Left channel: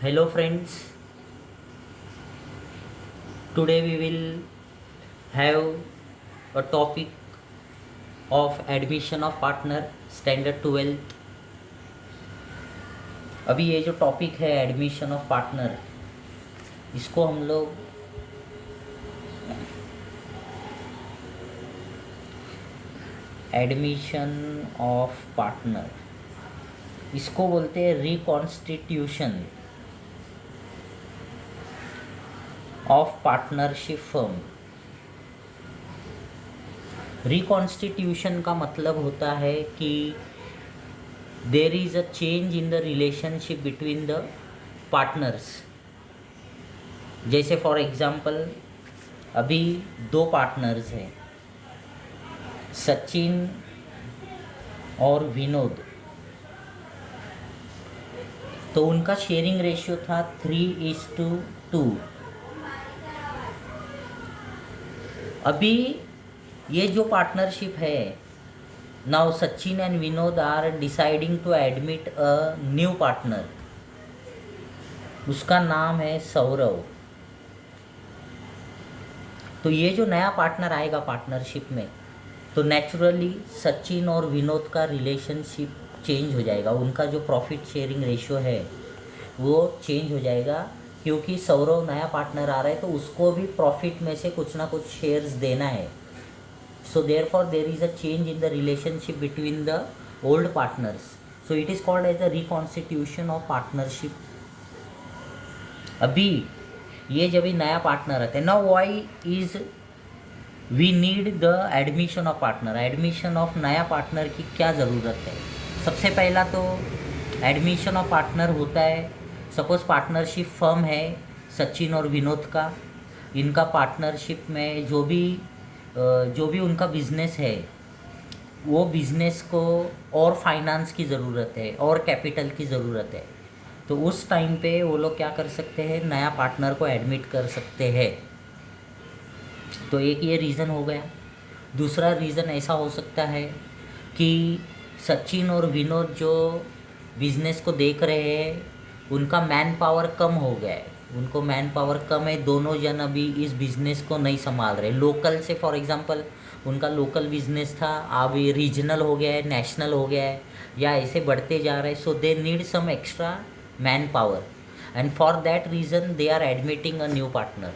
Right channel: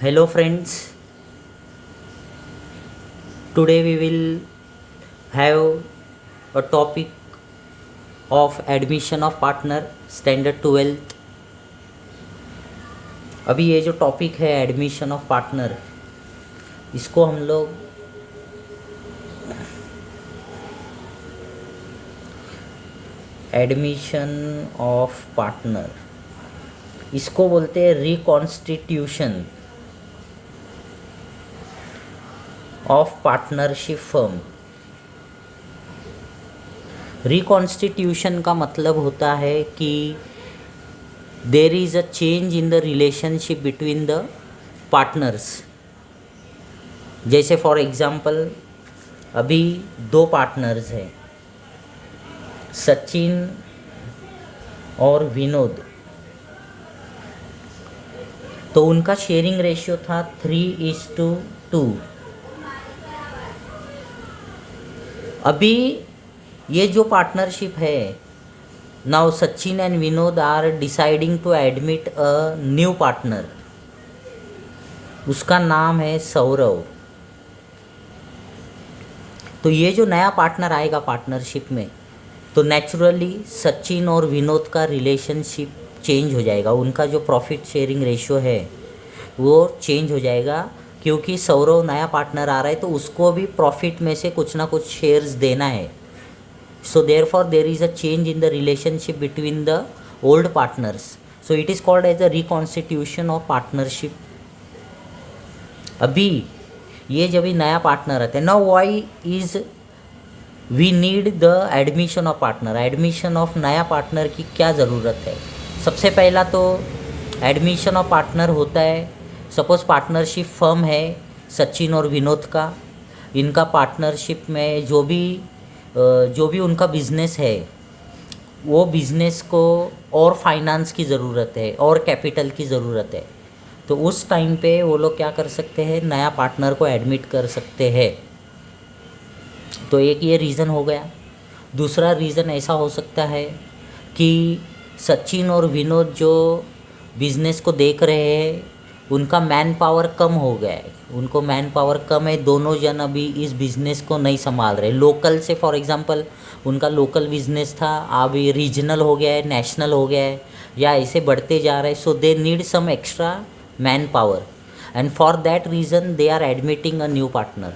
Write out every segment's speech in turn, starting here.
Hello friends, today we will have a topic of admission of partner standard 12th। अभी ये जो topic है admission of partner, इसको हम लोग एडमिशन ऑफ पार्टनर इसको बोलते हैं reconstitution of partnership firm. Reconstitution का मतलब होता है कि there is a change in the relationship between the partners. जैसे फॉर एग्जांपल अभी दो पार्टनर्स हैं, सचिन और विनोद, तो उनका शेयरिंग रेशियो था 3:2। अभी ये जो पार्टनरशिप है, now Sachin and Vinod are deciding to admit a new partner, उसका नाम है सौरव। तो ये जो नया पार्टनर आएगा पार्टनरशिप में, तो नेचुरली सचिन और विनोद का रिलेशनशिप चेंज हो जाएगा, उनका जो प्रॉफिट शेयरिंग रेशियो है वो चेंज हो जाएगा, क्योंकि सौरव नया पार्टनर आ रहा है तो उसको भी प्रॉफिट में से कुछ ना कुछ शेयर्स देना है। So therefore there is a change in the relationship between the old partners, so it is called as a reconstitution of partnership. अभी ये जब भी नया पार्टनर आता है, now why is we need the admission of partner. Admission of नया partner की क्या ज़रूरत है? सबसे पहला तो एडमिशन ऑफ पार्टनर होता है, सपोज पार्टनरशिप फर्म है सचिन और विनोद का, इनका पार्टनरशिप में जो भी उनका बिजनेस है, वो बिजनेस को और फाइनेंस की ज़रूरत है और कैपिटल की ज़रूरत है, तो उस टाइम पे वो लोग क्या कर सकते हैं, नया पार्टनर को एडमिट कर सकते हैं। तो एक ये रीज़न हो गया। दूसरा रीज़न ऐसा हो सकता है कि सचिन और विनोद जो बिज़नेस को देख रहे हैं, उनका मैन पावर कम हो गया है, उनको मैन पावर कम है, दोनों जन अभी इस बिज़नेस को नहीं संभाल रहे। लोकल से फॉर एग्जांपल उनका लोकल बिज़नेस था, अभी रीजनल हो गया है, नेशनल हो गया है, या ऐसे बढ़ते जा रहे हैं। So they need some extra manpower and for that reason they are admitting a new partner.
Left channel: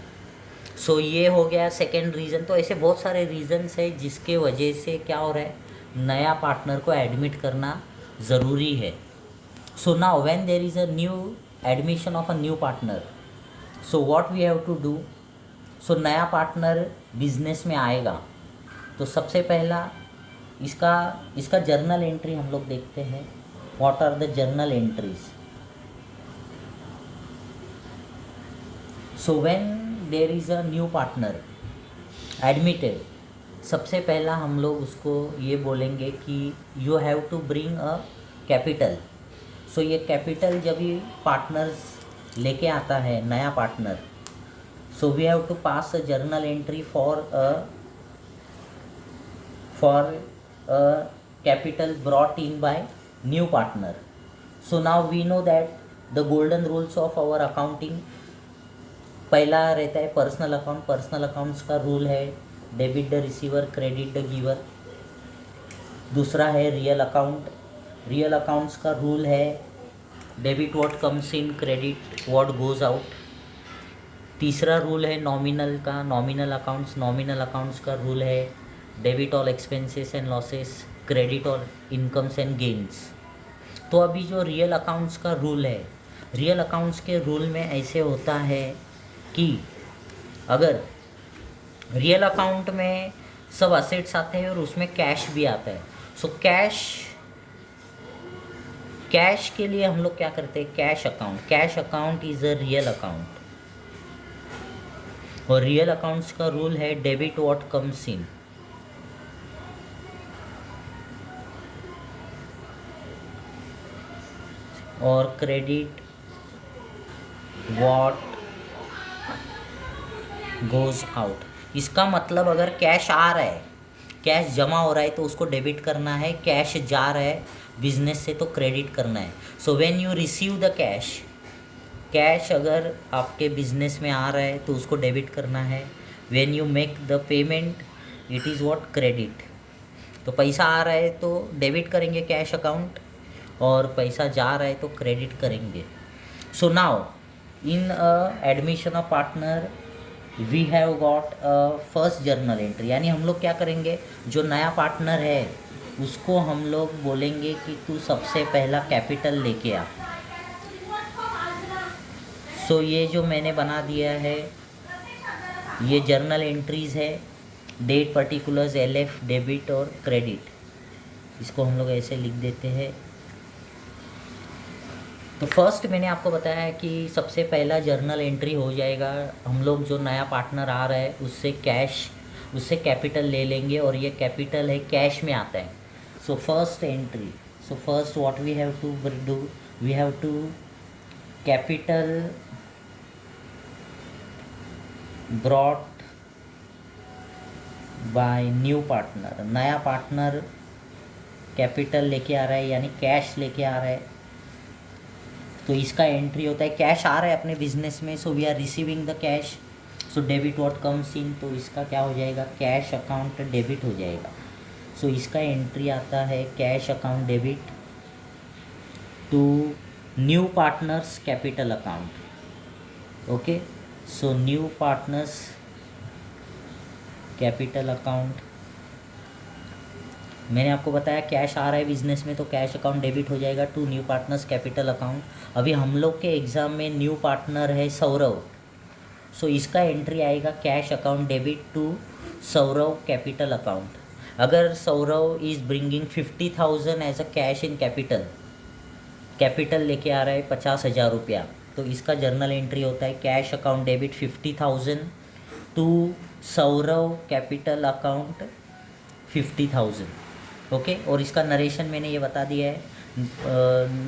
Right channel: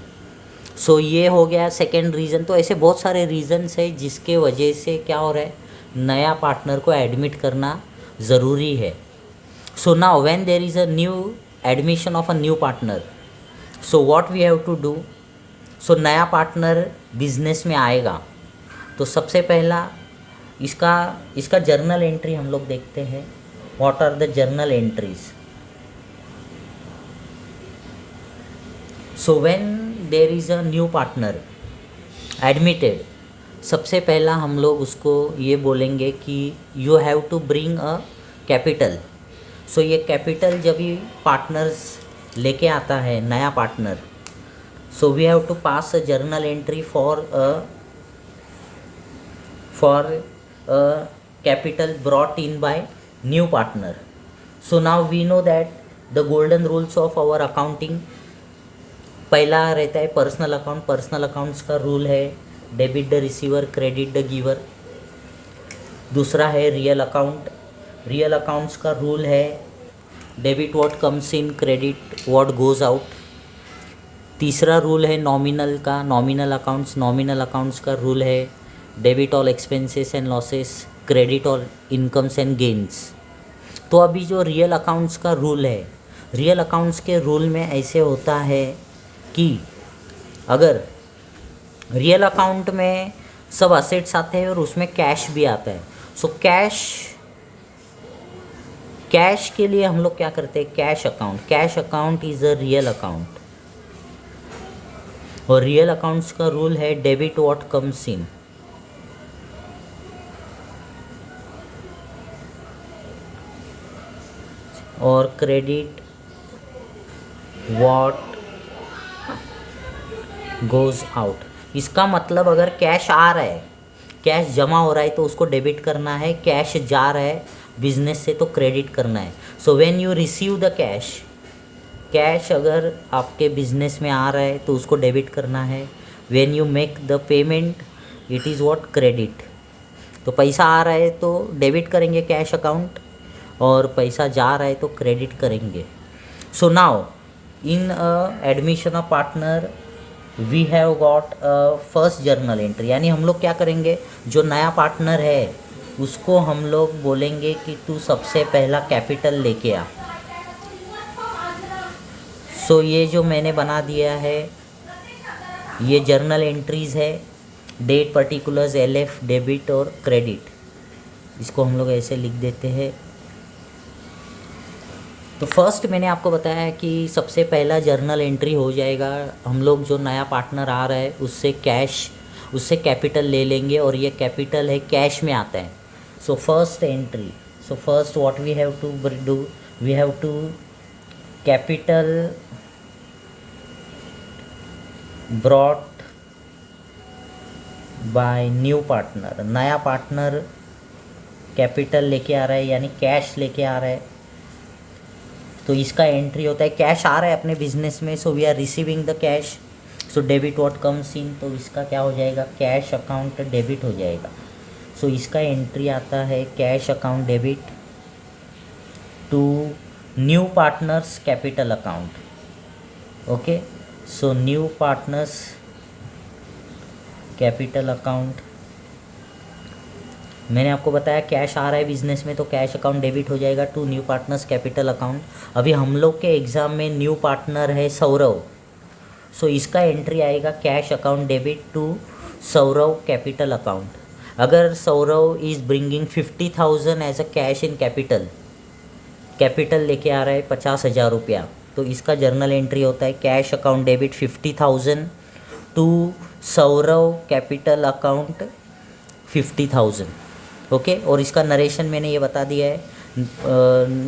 So ये हो गया सेकेंड रीज़न। तो ऐसे बहुत सारे रीज़न्स है जिसके वजह से क्या हो रहा है, नया पार्टनर को एडमिट करना ज़रूरी है। So now when there is a new admission of a new partner, so what we have to do. So नया पार्टनर बिजनेस में आएगा तो सबसे पहला इसका जर्नल एंट्री हम लोग देखते हैं। What are the journal entries? So when there is a new partner admitted, सबसे पहला हम लोग उसको ये बोलेंगे कि you have to bring a capital. So ये कैपिटल जब भी पार्टनर्स लेके आता है नया partner, so we have to pass a journal entry for a capital brought in by new partner. So now we know that the golden rules of our accounting. पहला रहता है पर्सनल अकाउंट। पर्सनल अकाउंट्स का rule है debit the receiver, credit the giver. दूसरा है real account. Real accounts का rule है debit what comes in, credit what goes out. तीसरा रूल है नॉमिनल का, नॉमिनल अकाउंट्स। नॉमिनल अकाउंट्स का रूल है debit all expenses and losses, credit all incomes and gains. तो अभी जो रियल अकाउंट्स का रूल है, रियल अकाउंट्स के रूल में ऐसे होता है कि अगर रियल अकाउंट में सब असेट्स आते हैं और उसमें कैश भी आता है, सो कैश के लिए हम लोग क्या करते हैं, cash account. Cash account is a real account और रियल अकाउंट्स का रूल है डेबिट व्हाट कम्स इन, और क्रेडिट व्हाट गोज़ आउट। इसका मतलब अगर कैश आ रहा है, कैश जमा हो रहा है तो उसको डेबिट करना है, कैश जा रहा है बिजनेस से तो क्रेडिट करना है। So when you receive the cash, cash अगर आपके बिजनेस में आ रहा है तो उसको डेबिट करना है। When you make the payment it is what credit. तो पैसा आ रहा है तो डेबिट करेंगे कैश अकाउंट, और पैसा जा रहा है तो क्रेडिट करेंगे। So now in admission of partner we have got first journal entry, यानी हम लोग क्या करेंगे, जो नया पार्टनर है उसको हम लोग बोलेंगे कि तू सबसे पहला कैपिटल लेके आ। सो ये जो मैंने बना दिया है ये जर्नल एंट्रीज़ है, डेट पर्टिकुलर्स, LF, डेबिट और क्रेडिट, इसको हम लोग ऐसे लिख देते हैं। तो फर्स्ट मैंने आपको बताया कि सबसे पहला जर्नल एंट्री हो जाएगा, हम लोग जो नया पार्टनर आ रहा है उससे कैपिटल ले लेंगे, और ये कैपिटल है कैश में आता है। So first entry, so first what we have to do, we have to capital brought by new partner. नया पार्टनर कैपिटल लेके आ रहा है यानी कैश लेके आ रहा है, तो इसका एंट्री होता है, कैश आ रहा है अपने बिजनेस में, so we are receiving the cash, so debit what comes in, तो इसका क्या हो जाएगा, कैश अकाउंट डेबिट हो जाएगा। सो इसका एंट्री आता है cash account debit to new partners capital account. Okay, so new partners capital account, मैंने आपको बताया कैश आ रहा है बिजनेस में तो कैश अकाउंट डेबिट हो जाएगा to new partners capital account. अभी हम लोग के एग्ज़ाम में न्यू पार्टनर है सौरव, सो इसका एंट्री आएगा cash account debit to Saurav capital account. अगर Saurav is bringing 50,000 as a cash in capital लेके आ रहा है 50,000 रुपया, तो इसका जर्नल एंट्री होता है cash account debit 50,000 to Saurav capital account 50,000। Okay, और इसका नरेशन मैंने ये बता दिया है,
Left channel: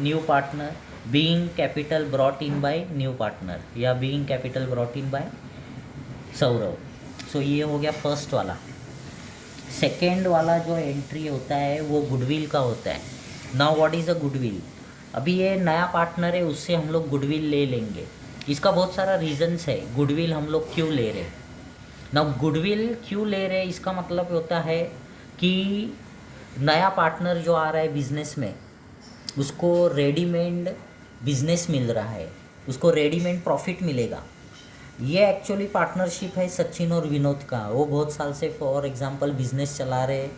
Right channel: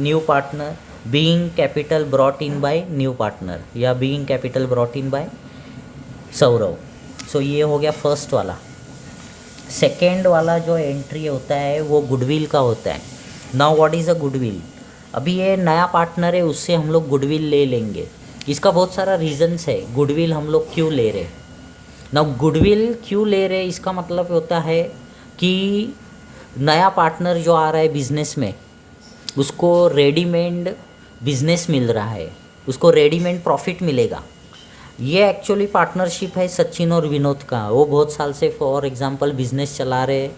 new partner being capital brought in by new partner या being capital brought in by Saurav. So ये हो गया फर्स्ट वाला। सेकेंड वाला जो एंट्री होता है वो गुडविल का होता है। Now what is a goodwill, अभी ये नया पार्टनर है उससे हम लोग गुडविल ले लेंगे, इसका बहुत सारा रीजंस है गुडविल हम लोग क्यों ले रहे। नाउ गुडविल क्यों ले रहे, इसका मतलब होता है कि नया पार्टनर जो आ रहा है बिजनेस में उसको रेडीमेड बिजनेस मिल रहा है, उसको रेडीमेड प्रॉफिट मिलेगा। ये एक्चुअली पार्टनरशिप है सचिन और विनोद का, वो बहुत साल से फॉर एग्जांपल बिजनेस चला रहे,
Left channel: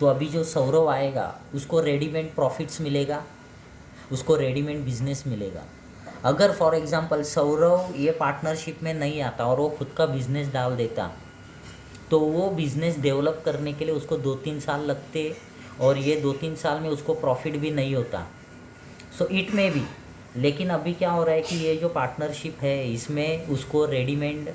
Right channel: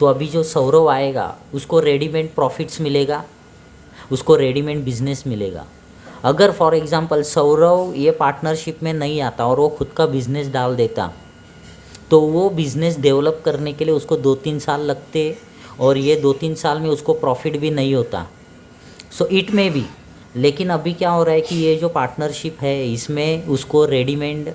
तो अभी जो सौरव आएगा उसको रेडीमेड प्रॉफिट्स मिलेगा, उसको रेडीमेड बिजनेस मिलेगा। अगर फॉर एग्जांपल सौरव ये पार्टनरशिप में नहीं आता और वो खुद का बिजनेस डाल देता तो वो बिज़नेस डेवलप करने के लिए उसको 2-3 साल लगते, और ये 2-3 साल में उसको प्रॉफिट भी नहीं होता। सो इट में भी, लेकिन अभी क्या हो रहा है कि ये जो पार्टनरशिप है इसमें उसको रेडीमेड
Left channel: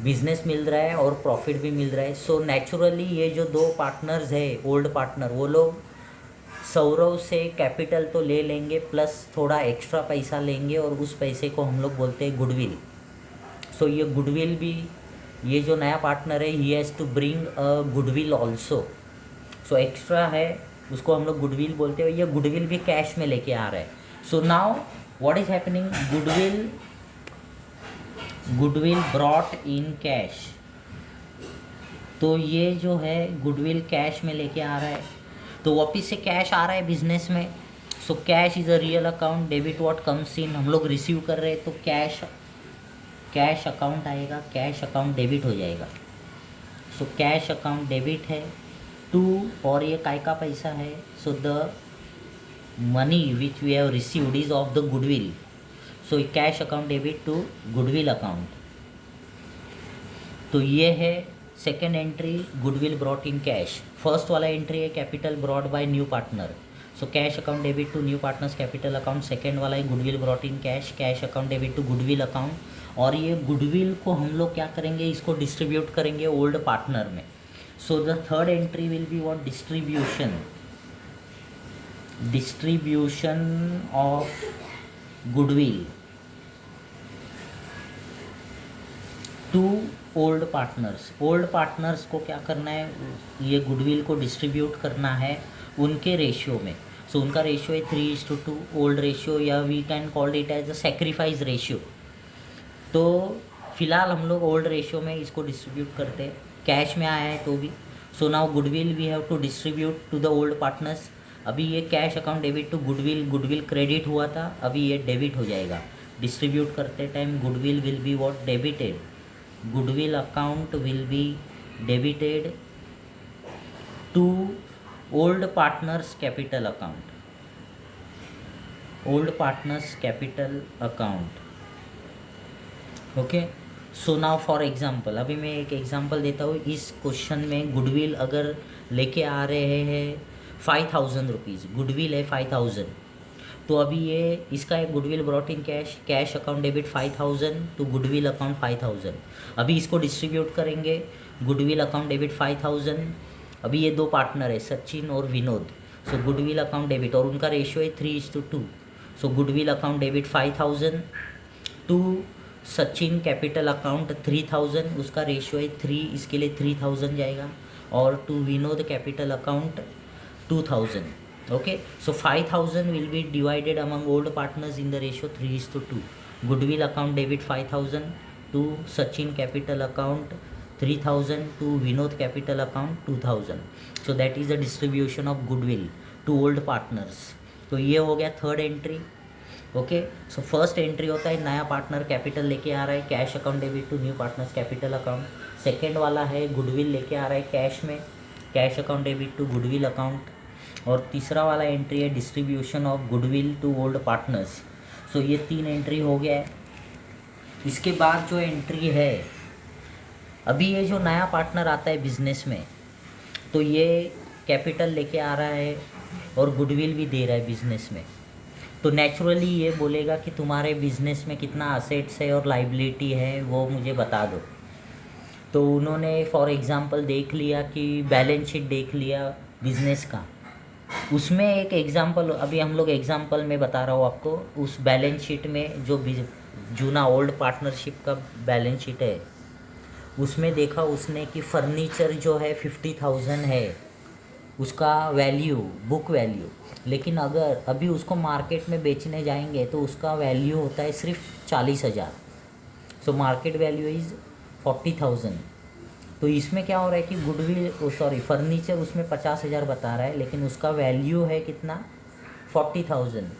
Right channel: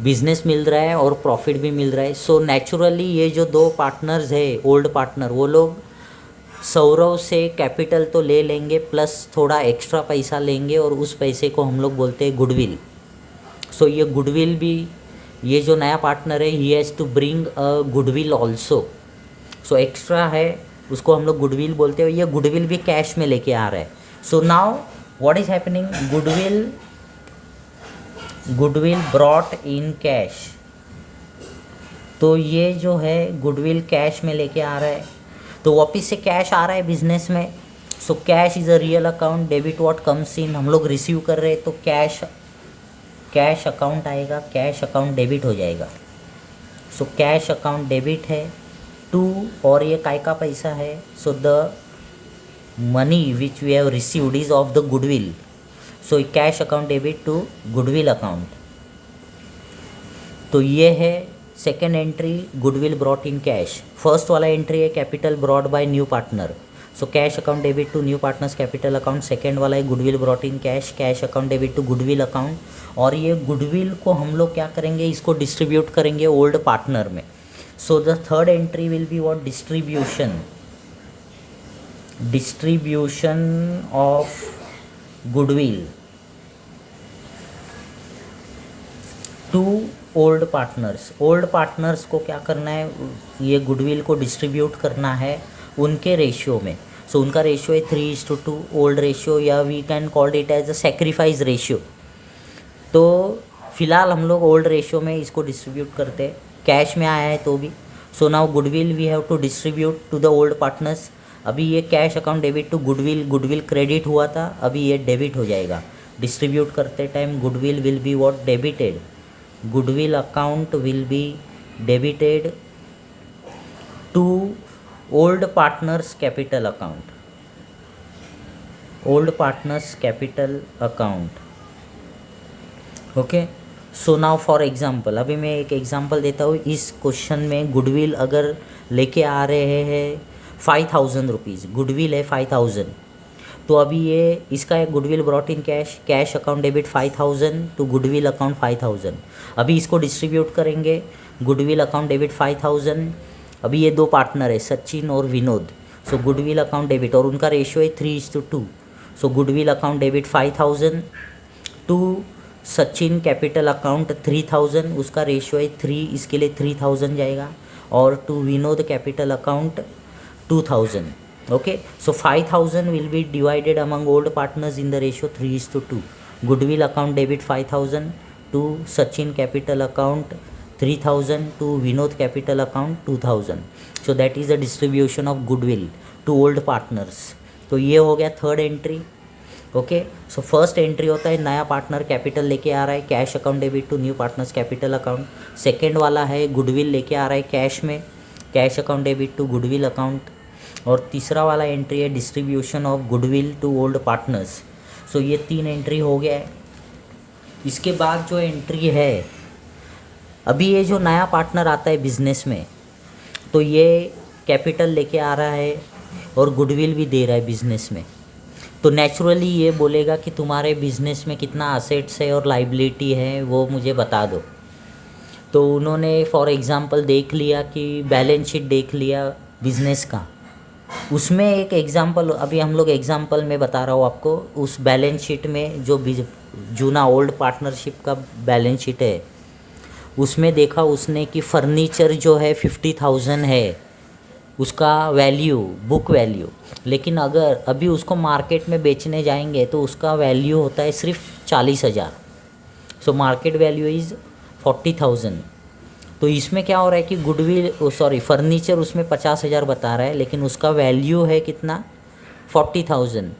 बिजनेस मिल रहा है और प्रॉफिट भी मिल रहा है। सो नेचुरली ये जो दो पार्टनर्स है ओल्ड पार्टनर, वो लोग सौरव से कैपिटल तो ले लेंगे प्लस थोड़ा एक्स्ट्रा पैसा लेंगे, और उस पैसे को हम लोग बोलते हैं गुडविल। सो ये गुडविल भी, ये जो नया पार्टनर है he has to bring a goodwill also, so extra है उसको हम लोग गुडविल बोलते हैं, ये गुडविल भी कैश में लेके आ रहा है। So now what is happening, goodwill brought in cash, तो ये जो है गुडविल कैश में लेके आ रहा है, तो वापिस से कैश आ रहा है बिजनेस में। So cash is a real account, debit what comes in, हम लोग रिसीव कर रहे हैं तो कैश अकाउंट आएगा, कैश अकाउंट डेबिट हो जाएगा। सो कैश अकाउंट डेबिट है टू, और ये काय का पैसा है, so the money which we have received is of the goodwill, so cash account debit to goodwill account. तो ये है second entry, goodwill brought in cash. First वाला एंट्री है capital brought by new partner, so cash account debit to new partners capital account. Second वाला है goodwill brought in cash, cash account debit to goodwill account. और ये goodwill को हम लोग क्या करेंगे, इसको डिस्ट्रीब्यूट करेंगे ओल्ड पार्टनर में। So the third entry will be what, distribution of goodwill to old partners. Old partners को क्या करना है, ये गुडविल को डिस्ट्रीब्यूट करना है उनके रेशियो में। सो उनका रेशियो है 3:2 ओल्ड रेशियो, या we can called it as a sacrifice ratio. तो फिलहाल हम लोग ओल्ड रेशियो में इसको डिस्ट्रीब्यूट करते हैं, कैश में आया है तो भी। So now goodwill we have to distribute to the old partners. अभी ये cash account debit to goodwill, goodwill credit हुआ था, अभी ये डेबिट हो जाएगा। डिस्ट्रीब्यूट करते time goodwill will be what, debited. Goodwill account will be debited to old partners capital account, old partners capital account. Okay, so now for example, अभी मैं एक एग्जांपल देता हूँ। इस क्वेश्चन में गुडविल अगर लेके आ रहे हैं 5,000 रुपीज़, गुडविल है 5,000, तो अभी ये इसका एक goodwill brought in cash, cash account debit 5,000 to goodwill account 5,000। अभी इसको डिस्ट्रीब्यूट करेंगे, गुडविल अकाउंट डेबिट 5,000। अभी ये दो पार्टनर है सचिन और Vinod, so goodwill account debit, और उनका रेशियो है 3:2। So goodwill account debit 5,000 to Sachin capital account 3,000, उसका रेशियो है 3, इसके लिए 3,000 जाएगा, और to Vinod capital account 2,000। Okay, so 5,000 will be divided among old partners in the ratio 3:2। Goodwill account debit 5,000 to Sachin capital account 3,000 to Vinod capital account 2,000। So that is the distribution of goodwill to old partners. तो ये हो गया third entry. Okay, so first entry होता है नया partner capital लेके आ रहा है, cash account debit to new partners capital account. Second वाला है गुडविल लेके आ रहा है कैश में, cash account debit to goodwill account. और तीसरा वाला एंट्री है distribution of goodwill to old partners. So ये 3 एंट्री हो गया है। इसके बाद जो एंट्री है, अभी ये जो नया पार्टनर आता है बिजनेस में, तो ये कैपिटल लेके आ रहा है और गुडविल भी दे रहा है बिजनेस में, तो नेचुरली ये बोलेगा कि तुम्हारे बिजनेस में कितना असेट्स है और लाइबिलिटी है वो मुझे बता दो। तो उन्होंने फॉर एग्जांपल देख लिया कि बैलेंस शीट देख लिया बिजनेस का, उसमें एक एग्जांपल अभी हम लोग एग्जांपल में बता रहा हूँ आपको। उस बैलेंस शीट में जो जूना ओल्ड पार्टनरशिप का बैलेंस शीट है, उसमें देखा उसने कि फर्नीचर जो है 50,000 है उसका वैल्यू, बुक वैल्यू, लेकिन अगर अभी उसको मार्केट में बेचने जाएंगे तो उसका वैल्यू होता है सिर्फ 40,000। So market value is 40,000। तो इसमें क्या हो रहा है कि गुडविल फर्नीचर उसमें 50,000 बता रहा है, लेकिन उसका वैल्यू है कितना, 40,000।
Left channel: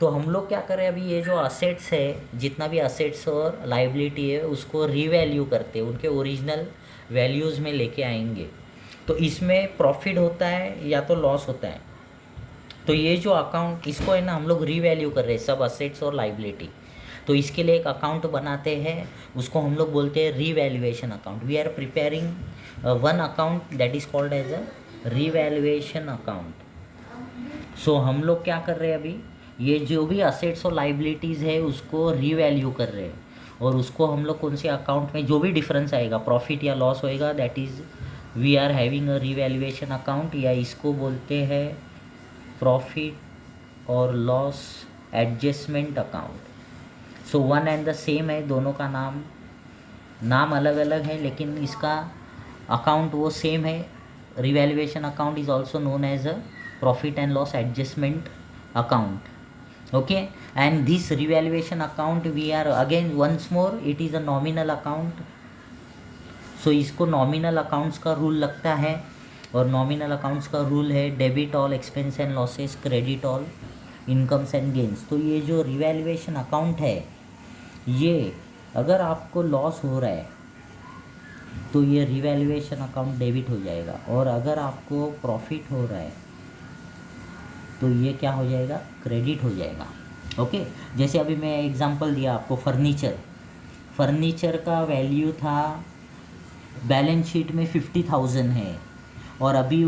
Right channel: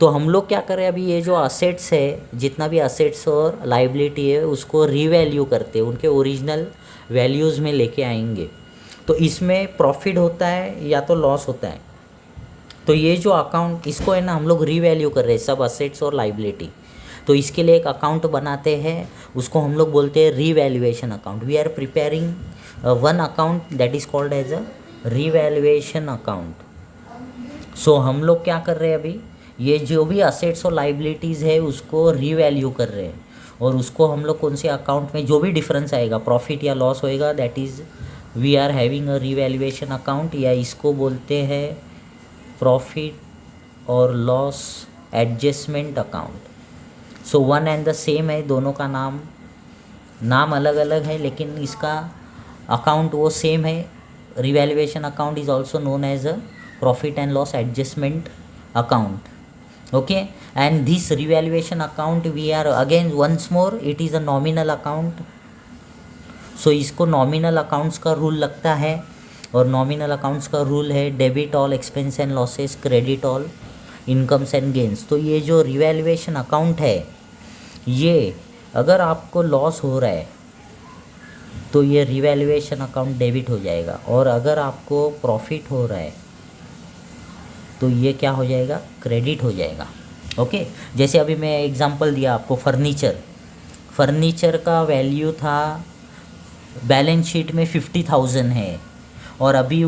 तो हम लोग क्या करें, अभी ये जो असेट्स है, जितना भी असेट्स और लाइबिलिटी है, उसको रीवैल्यू करते हैं, उनके ओरिजिनल वैल्यूज़ में लेके आएंगे। तो इसमें प्रॉफिट होता है या तो लॉस होता है। तो ये जो अकाउंट, इसको है ना हम लोग रीवैल्यू कर रहे हैं, सब असेट्स और लाइबिलिटी। तो इसके लिए एक अकाउंट बनाते हैं, उसको हम लोग बोलते हैं revaluation account. We are preparing one account that is called as a revaluation account. So हम लोग क्या कर रहे हैं, अभी ये जो भी असेट्स और लाइबिलिटीज़ है उसको रीवैल्यू कर रहे हैं, और उसको हम लोग कौन से अकाउंट में जो भी डिफरेंस आएगा, प्रॉफिट या लॉस होएगा, that is we are having a revaluation account, या इसको बोलते हैं प्रॉफिट और loss adjustment account. So one and the same है, दोनों का नाम अलग अलग है, लेकिन इसका अकाउंट वो सेम है। Revaluation account is also known as a profit and loss adjustment account. Okay, and this revaluation account we are again once more, it is a nominal account. So इसको नॉमिनल अकाउंट्स का rule लगता है, और nominal accounts का rule है debit all expense and losses, credit all incomes and gains. तो ये जो रिवैल्यूएशन अकाउंट है, ये अगर आपको लॉस हो रहा है तो ये रिवैल्यूएशन अकाउंट डेबिट हो जाएगा, और अगर आपको प्रॉफिट हो रहा है तो ये क्या हो जाएगा, क्रेडिट हो जाएगा। ओके, जैसे अभी मैं एग्जांपल दिया आपको, फर्नीचर का वैल्यू था बैलेंस शीट में 50,000 है, और अभी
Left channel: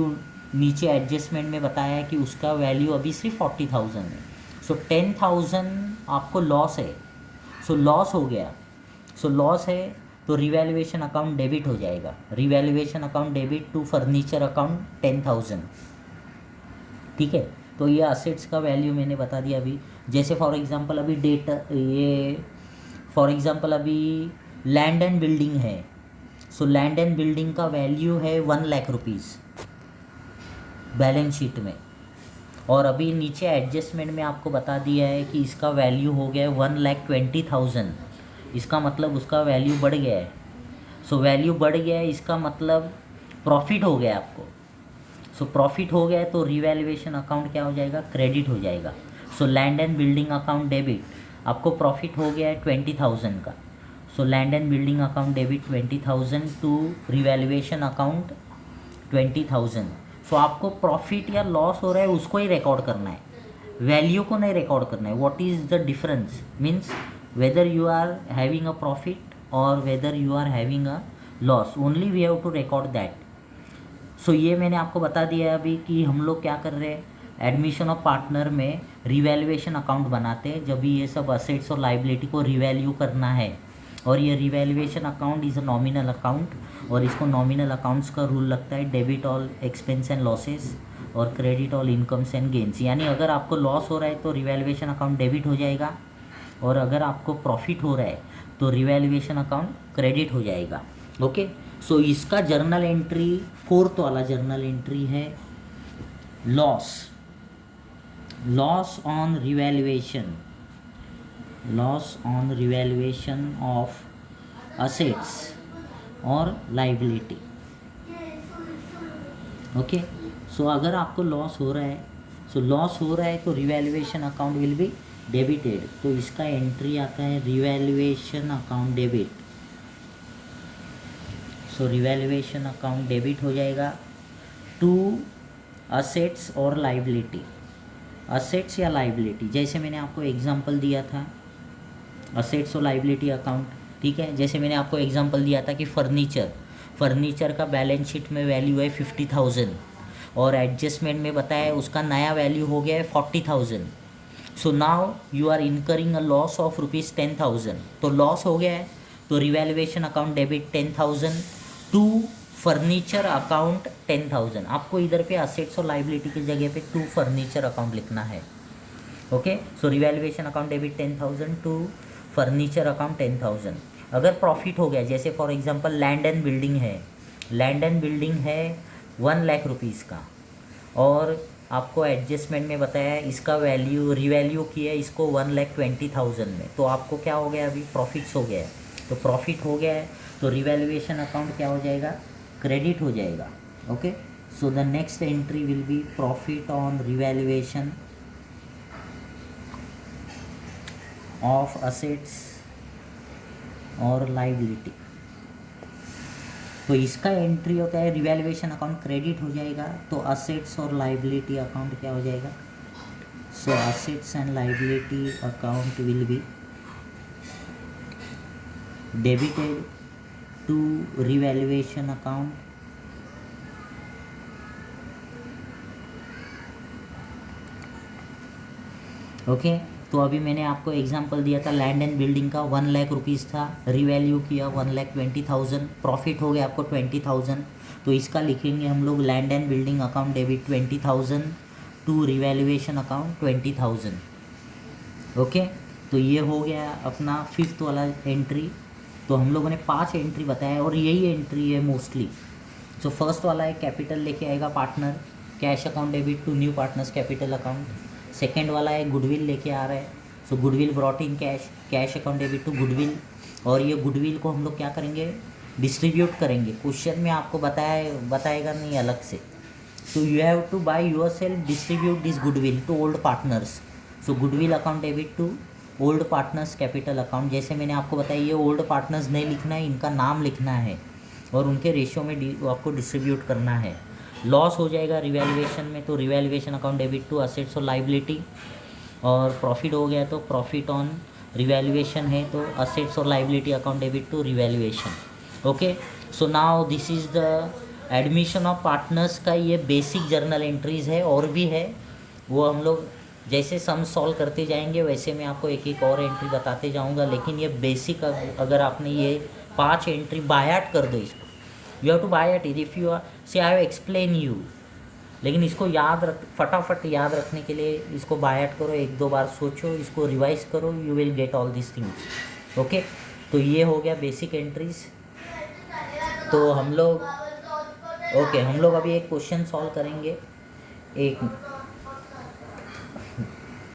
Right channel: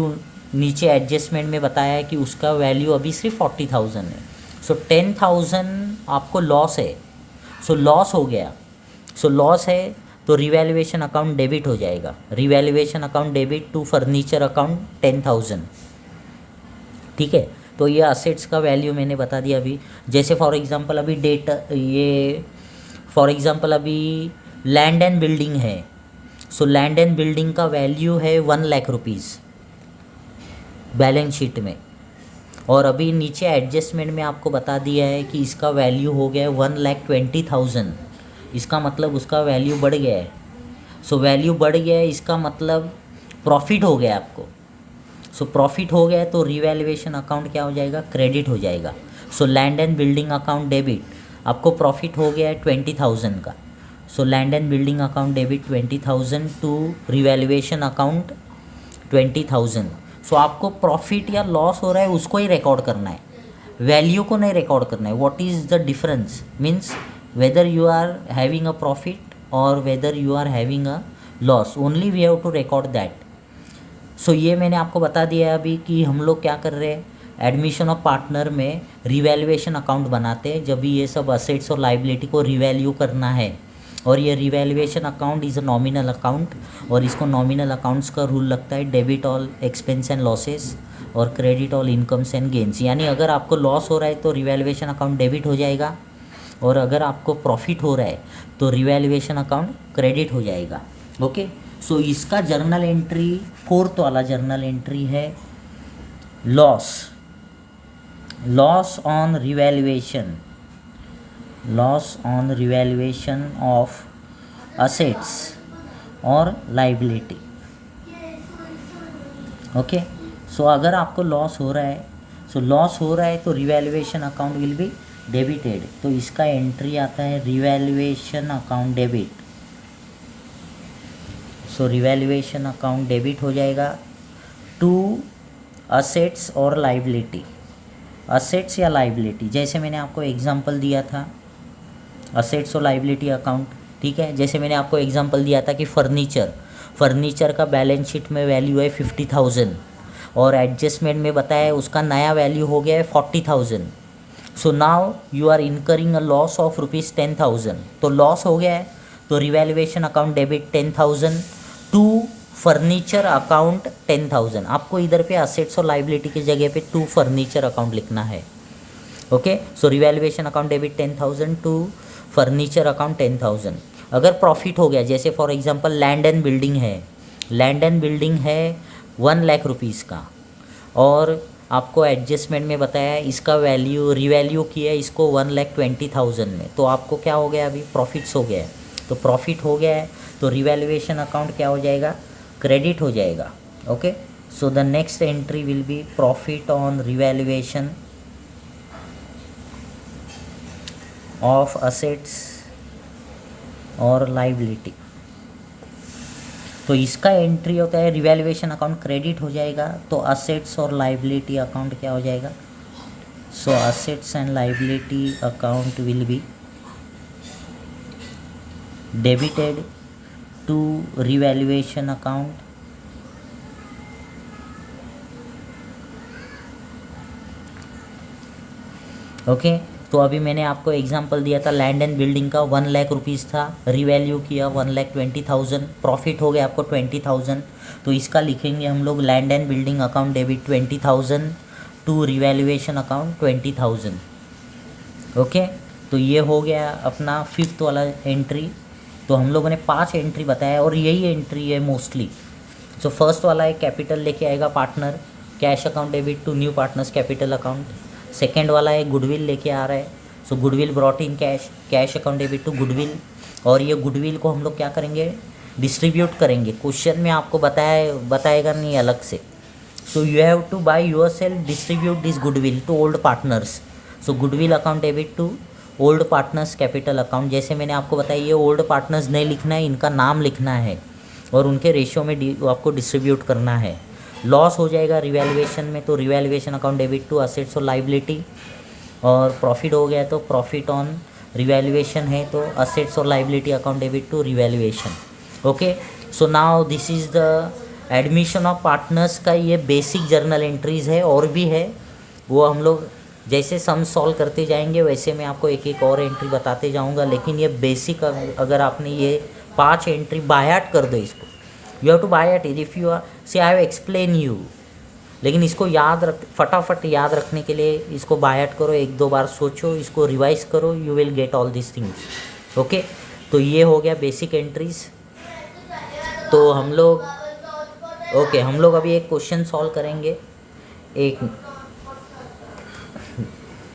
नीचे एडजस्टमेंट में बताया है कि उसका वैल्यू अभी सिर्फ 40,000 है। सो 10,000 आपको लॉस है, सो लॉस हो गया, सो लॉस है तो रिवैल्यूएशन अकाउंट डेबिट हो जाएगा। Revaluation account debit to furniture account 10,000। ठीक है, तो ये असेट्स का वैल्यू मैंने बता दिया अभी। जैसे फॉर एग्जांपल अभी अभी लैंड एंड बिल्डिंग है, सो लैंड एंड बिल्डिंग का वैल्यू है 1 लाख रुपीज़ बैलेंस शीट में। और अभी नीचे एडजस्टमेंट में आपको बता दिया है कि इसका वैल्यू हो गया है 1,20,000। इसका मतलब उसका वैल्यू बढ़ गया है। सो वैल्यू बढ़ गया है, इसका मतलब प्रॉफिट हो गया आपको। सो प्रॉफिट हो गया है तो रिवैल्यूएशन अकाउंट क्या हो जाएगा, क्रेडिट हो जाएगा। So land and building account debit, आपको प्रॉफिट हो गया है 20,000 का। So land and building account debit 20,000 to revaluation account 20,000। So आपको प्रॉफिट या लॉस हो रहा है उसको ही रिकॉर्ड करना है, वैल्यू को नहीं रिकॉर्ड करना है। What is the difference means whether you are having a profit और whether you are having a loss, only we have to record that. So ये मैंने आपको बता दिया है अभी कि हम लोग क्या कर रहे हैं, एडमिशन ऑफ पार्टनर में रिवैल्यूएशन अकाउंट बनाते हैं जब भी ये सब असेट्स और लाइबिलिटी को रिवैल्यू करना है। और ये revaluation account is a nominal account, और इसको नॉमिनल अकाउंट्स का रूल लगता है debit all expense and losses और credit all incomes and gains. यानी अगर आपको लॉस हो रहा है तो रिवैल्यूएशन अकाउंट डेबिट हो जाएगा, और अगर आपको प्रॉफिट हो रहा है तो रिवैल्यूएशन अकाउंट क्रेडिट हो जाएगा। ओके, सो इसका जर्नल एंट्री, फोर्थ वाला जर्नल एंट्री है loss, loss on revaluation, loss on revaluation of assets और लाइबिलिटी। ओके, सो अगर आपको लॉस हो रहा है, सो लॉस हो रहा है तो revaluation account will be debited. तो इसका एंट्री आता है रिवैल्यूएशन अकाउंट डेबिट। सो रिवैल्यूएशन अकाउंट डेबिट हो जाएगा टू असेट्स और लाइबिलिटी, असेट्स या लाइबिलिटी। जैसे मैंने आपको एग्जांपल दिया था असेट्स और लाइबिलिटी अकाउंट, ठीक है। जैसे मैंने आपको एग्जांपल दिया था कि फर्नीचर का बैलेंस शीट में वैल्यू है 50,000 और एडजस्टमेंट में बताया उसका नया वैल्यू हो गया है 40,000। So now you are incurring a loss of ₹10,000। तो लॉस हो गया है तो revaluation account debit 10,000 to furniture account 10,000। आपको इधर पे असेट्स और लाइबिलिटी की जगह पे टू फर्नीचर अकाउंट लिखना है। Okay, so revaluation account debit 10,000 to furniture account 10,000। अगर प्रॉफिट हो गया, जैसे for example land and building है, लैंड एंड बिल्डिंग है 1 लाख रुपीज़ का, और आपको एडजस्टमेंट में बताया है इसका वैल्यू रिवैल्यू किया है इसको 1,20,000 में, तो आपको क्या हो गया, अभी प्रॉफिट्स हो गया है। तो प्रॉफिट हो गया है तो रिवैल्यूएशन अकाउंट क्या हो जाएगा, क्रेडिट हो जाएगा। Okay, so the next entry will B profit on revaluation of assets और लाइबिलिटी। तो इसका एंट्री होता है रिवैल्यूएशन अकाउंट क्रेडिट हो जाएगा तो असेट्स और लाइबिलिटी अकाउंट क्या हो जाएगा, so assets and liability account will be debited to revaluation account okay. तो अभी मैंने आपको एग्जांपल दिया था लैंड एंड बिल्डिंग का 1 लाख रुपीज़ था, रिवैल्यू किया 1,20,000, प्रॉफिट हो गया आपको 20,000। तो इसका लिखेंगे हम लोग land and building account debit 20,000 to revaluation account 20,000। Okay, तो ये हो गया अपना फिफ्थ वाला एंट्री। तो हम लोगों ने 5 एंट्री बताया और यही एंट्री है मोस्टली। सो फर्स्ट वाला है कैपिटल लेके आएगा partner, cash account debit to new partners capital account. Second वाला है गुडविल लेके आ रहा है, so goodwill brought in cash, cash account debit to goodwill. और ये गुडविल को हम लोग क्या करेंगे, डिस्ट्रीब्यूट करेंगे। क्वेश्चन में आपको बताएगा नहीं अलग से। So you have to by yourself distribute this goodwill to old partners. So goodwill account debit to old partners capital account. जैसे मैंने आपको बताया ये ओल्ड पार्टनर्स नहीं लिखना है, इनका नाम लिखना है और उनके रेशियो में आपको डिस्ट्रीब्यूट करना है। लॉस हो जाएगा रिवैल्यूएशन में तो revaluation account debit to assets और लाइबिलिटी, और प्रॉफिट हो गया तो प्रॉफिट ऑन रिवैल्यूएशन है तो असेट्स और liability account debit to revaluation. Okay, so now this is the admission of partners का ये बेसिक जर्नल एंट्रीज़ है, और भी है वो हम लोग जैसे सम सॉल्व करते जाएंगे वैसे मैं आपको एक एक और एंट्री बताते जाऊंगा। लेकिन ये बेसिक अगर आपने ये 5 एंट्री बायाट कर दो, इसको you have to by heart it if you say I have explain you. लेकिन इसको फटाफट याद रखने के लिए इसको बायाट करो, 1-2 बार सोचो, इसको रिवाइज करो, you will get all this things. Okay, तो ये हो गया बेसिक एंट्रीज। तो हम लोग अभी एक क्वेश्चन सॉल्व करेंगे। एक